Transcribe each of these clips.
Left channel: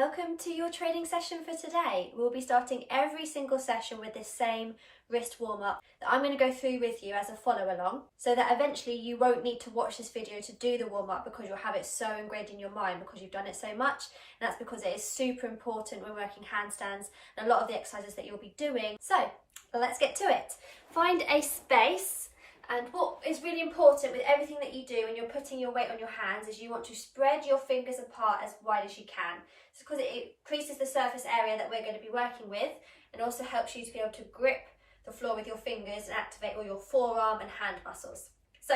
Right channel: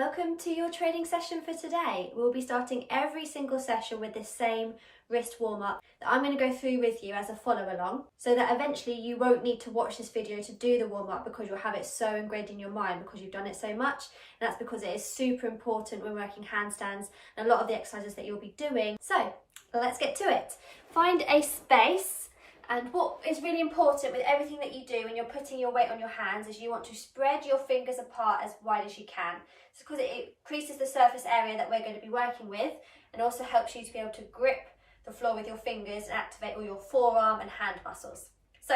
Welcome to your training session for today. We'll be starting every single session with this same wrist warm-up that I'm going to go through with you as a follow-along, so that eventually you won't need to watch this video to do the warm-up because you'll have it so ingrained in your mind because you've done it so much. And that's because it is super important when working handstands and a lot of the exercises that you'll be doing. So let's get to it. Find a space. And what is really important with everything that you do when you're putting your weight on your hands is you want to spread your fingers apart as wide as you can. It's because it increases the surface area that we're going to be working with and also helps you to be able to grip the floor with your fingers and activate all your forearm and hand muscles. So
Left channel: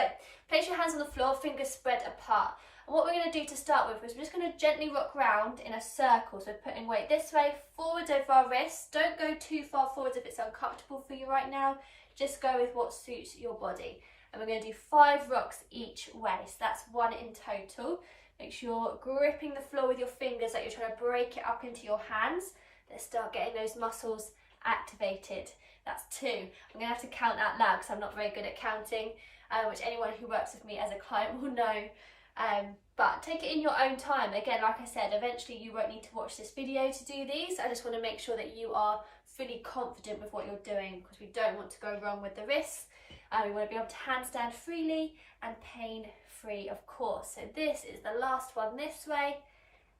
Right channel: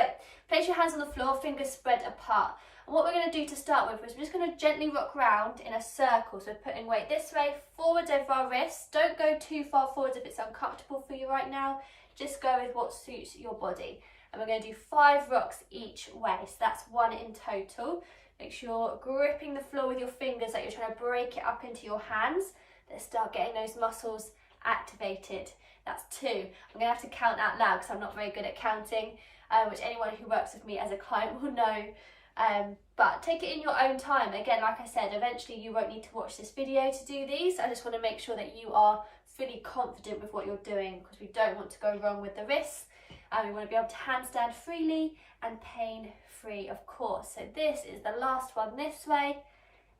place your hands on the floor, fingers spread apart. And what we're going to do to start with is we're just going to gently rock round in a circle. So we're putting weight this way, forwards over our wrists. Don't go too far forwards if it's uncomfortable for you right now. Just go with what suits your body. And we're going to do 5 rocks each way. So that's 1 in total. Make sure you're gripping the floor with your fingers like you're trying to break it up into your hands. Let's start getting those muscles activated. That's 2. I'm going to have to count out loud because I'm not very good at counting, which anyone who works with me as a client will know. But take it in your own time. Again, like I said, eventually you won't need to watch this video to do these. I just want to make sure that you are fully confident with what you're doing because we don't want to go wrong with the wrists. We want to be able to handstand freely and pain free, of course. So this is the last one this way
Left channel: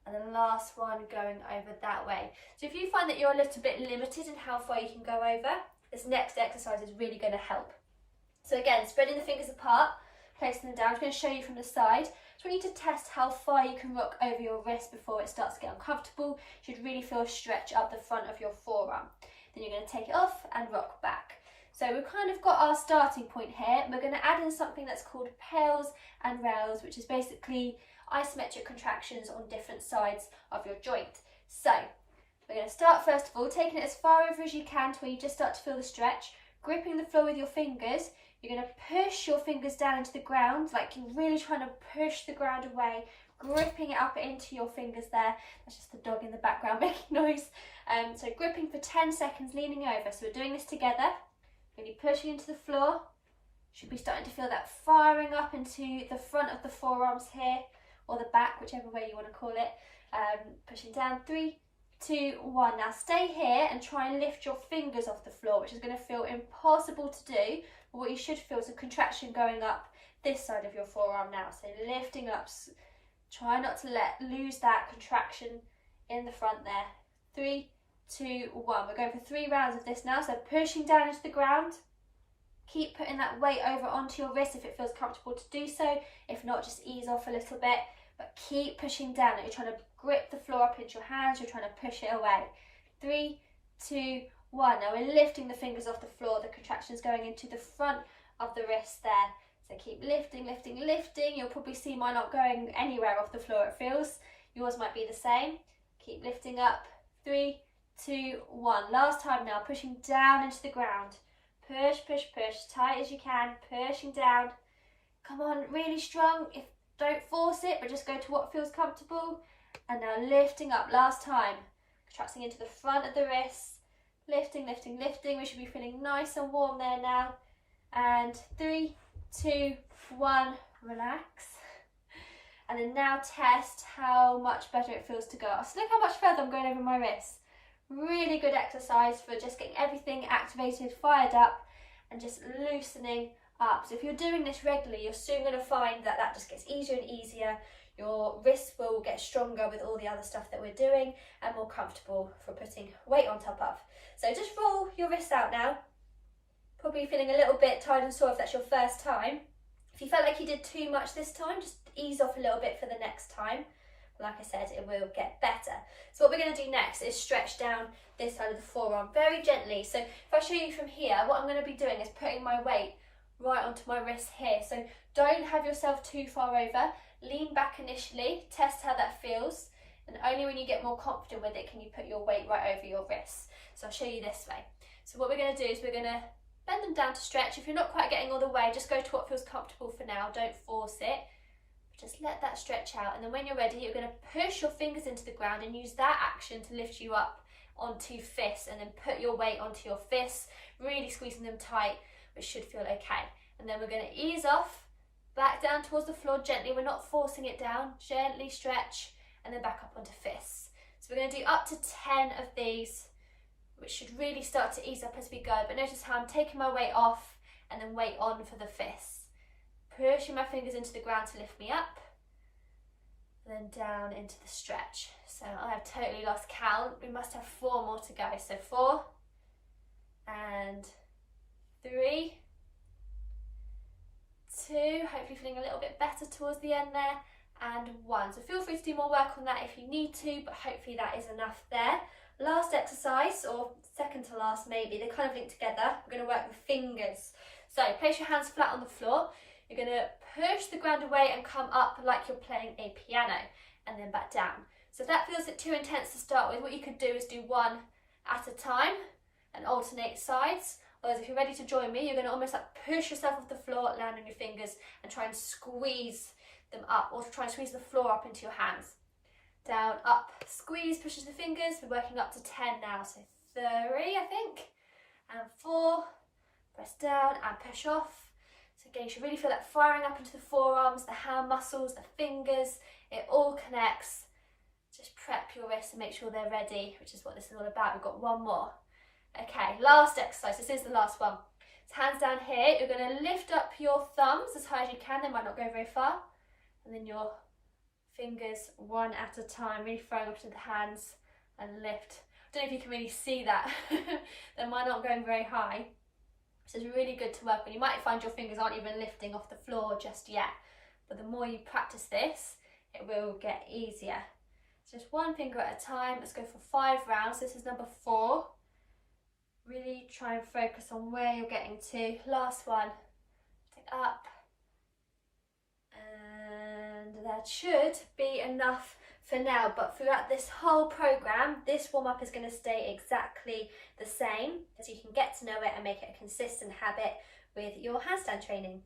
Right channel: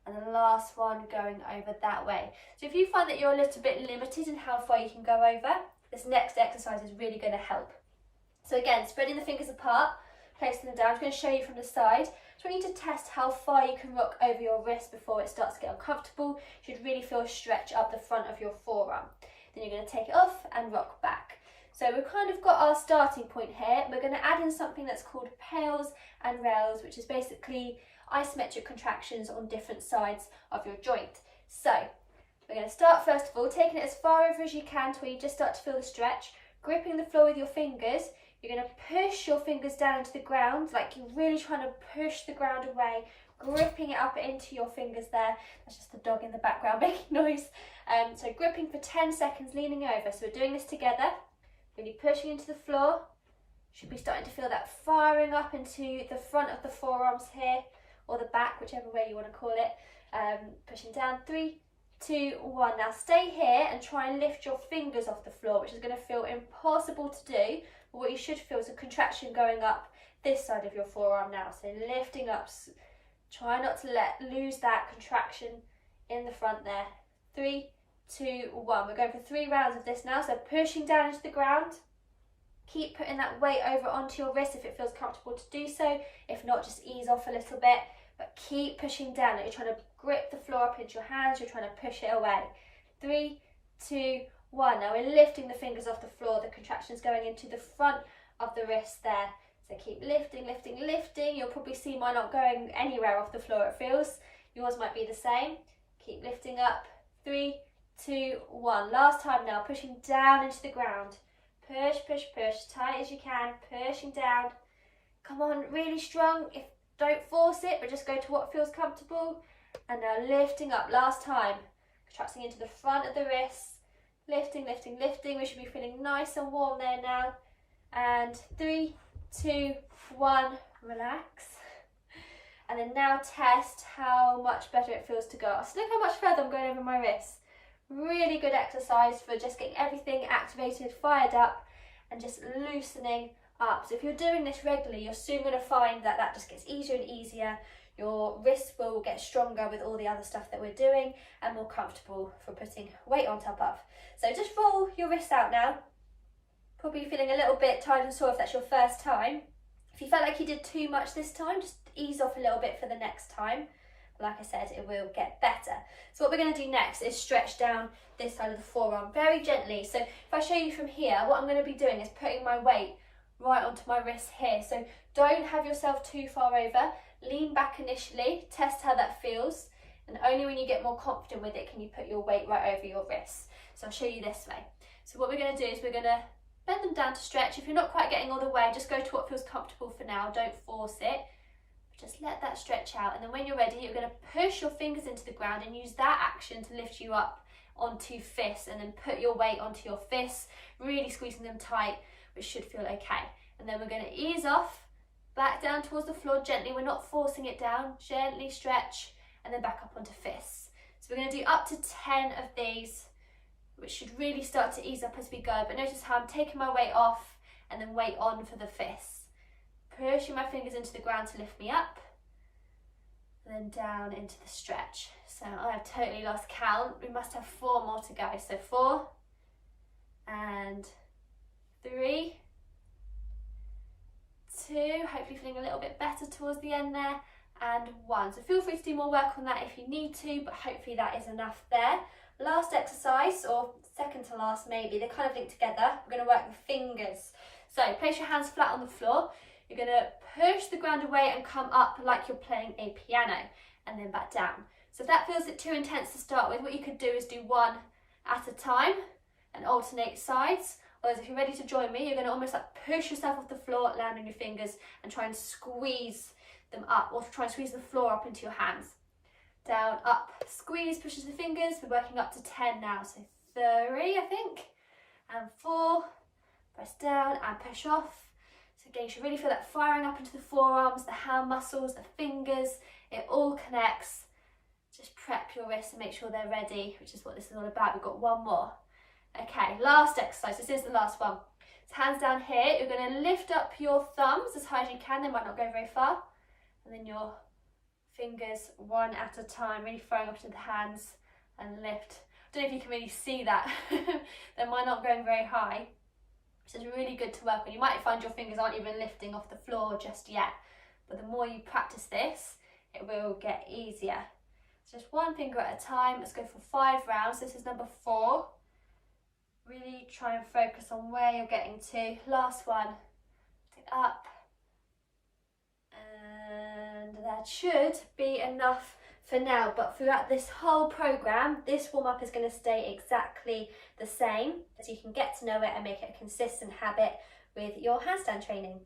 and the last one going over that way. So if you find that you're a little bit limited in how far you can go over, this next exercise is really going to help. So again, spreading the fingers apart, placing them down. I'm going to show you from the side. So we need to test how far you can rock over your wrist before it starts to get uncomfortable. You should really feel a stretch up the front of your forearm. Then you're going to take it off and rock back. So we've kind of got our starting point here. We're going to add in something that's called pails and rails, which is basically isometric contractions on different sides of your joint. So we're going to start first of all, taking it as far over as you can to where you just start to feel the stretch, gripping the floor with your fingers. You're going to push your fingers down into the ground, like you're really trying to push the ground away, gripping it up into your fingers there. That's just the dog in the background making noise. So gripping for 10 seconds, leaning over. So we're doing this together, really pushing into the floor. Should be starting to feel that firing up into the front of the forearms here, or the back, whichever way you want to call it. Pushing down, 3, 2, 1. Now stay here and try and lift your fingers off the floor, which is going to feel impossible to do. But what you should feel is a contraction going up this side of your forearm now. So lifting up, try not to lose that contraction in the front there. 3, 2, 1. We're going for 3 rounds of this now. So pushing down into the ground. Keep putting that weight over onto your wrist if it feels comfortable to do so. If not, just ease off a little bit. But keep pushing down. You're trying to grip the floor up into your hands. You're trying to push it away. 3, 2, 1. Now we're lifting the fingers off the floor. The contraction's going into the front of the wrist there. So keep lifting, lifting, lifting. You'll probably see mine not going anywhere off the floor, it feels. Yours might be the same. Keep lifting up. 3, 2, 1. Last time now, pushing down into the ground. Push, push, push, tight as you can, pushing down. Come on, really strong. Don't force it, but just go to what feels comfortable. And now lifting up, last time. Contracting into the front of the wrists. Lifting, lifting, lifting. We should be feeling nice and warm there now. And 3, 2, 1, relax. And then now test how much better it feels to go. So look how much further I'm going over my wrists. Really good exercise for just getting everything activated, fired up, and just loosening up. So if you're doing this regularly, you're soon going to find that that just gets easier and easier. Your wrists will get stronger with all the other stuff that we're doing and more comfortable for putting weight on top of. So just roll your wrists out now. Probably feeling a little bit tired and sore if that's your first time. If you felt like you did too much this time, just ease off a little bit for the next time. Like I said, it will get better. So what we're going to do next is stretch down this side of the forearm very gently. So if I show you from here, what I'm going to be doing is putting my weight right onto my wrist here. So don't have yourself too far over. Lean back initially, test how that feels. And only when you get more confident with it can you put your weight right over your wrists. So I'll show you this way. So what we're going to do is we're going to bend them down to stretch. If you're not quite getting all the way, just go to what feels comfortable for now. Don't force it. Just let that stretch out, and then when you're ready, you're going to push your fingers into the ground and use that action to lift you up onto fists, and then put your weight onto your fists, really squeezing them tight, which should feel okay. And then we're going to ease off, back down towards the floor gently. We're not forcing it down. Gently stretch, and then back up onto fists. So we're going to do up to 10 of these, which should really start to ease up as we go. But notice how I'm taking my weight off and then weight on for the fists. Pushing my fingers into the ground to lift me up, and then down into the stretch. So I have totally lost count. We must have 4 more to go. So 4 and 3, 2, hopefully feeling a little bit better towards the end there, and 1. So feel free to do more work on that if you need to, but hopefully that is enough there. Last exercise, or second to last maybe, they kind of link together. We're going to work with fingers. So place your hands flat on the floor. You're going to push the ground away and come up like you're playing a piano, and then back down. So if that feels a bit too intense to start with, what you could do is do 1 at a time and alternate sides. Whereas if you're ready to join me, you're going to almost like push yourself off the floor, land on your fingers and try and squeeze them up, or try and squeeze the floor up into your hands. Down, up, squeeze, pushes the fingers. We're working up to 10 now, so 3 I think, and 4, press down and push off. So again, you should really feel that firing up into the forearms, the hand muscles, the fingers, it all connects. Just prep your wrists and make sure they're ready, which is what this is all about. We've got 1 more. Okay, last exercise, this is the last one. So hands down here, you're going to lift up your thumbs as high as you can, they might not go very far, and then your fingers 1 at a time, really throwing up to the hands and lift. I don't know if you can really see that, they might not going very high, so it's really good to work on. You might find your fingers aren't even lifting off the floor just yet, but the more you practice this, it will get easier. So just 1 finger at a time. Let's go for 5 rounds. This is number 4. Really try and focus on where you're getting to. Last one. Take up. And that should be enough for now. But throughout this whole program, this warm-up is going to stay exactly the same, as you can get to know it and make it a consistent habit with your handstand training.